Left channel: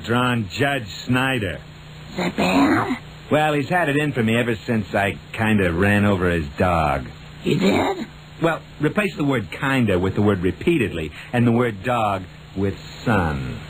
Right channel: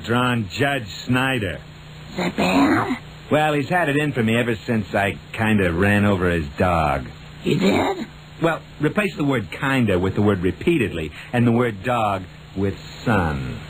hand-drawn Judge Snyder. Is that bad? Well, he's had it in for me ever since I kind of ran over his dog. You did? Well, replace the word kinda with the word repeatedly, and the word dog with son.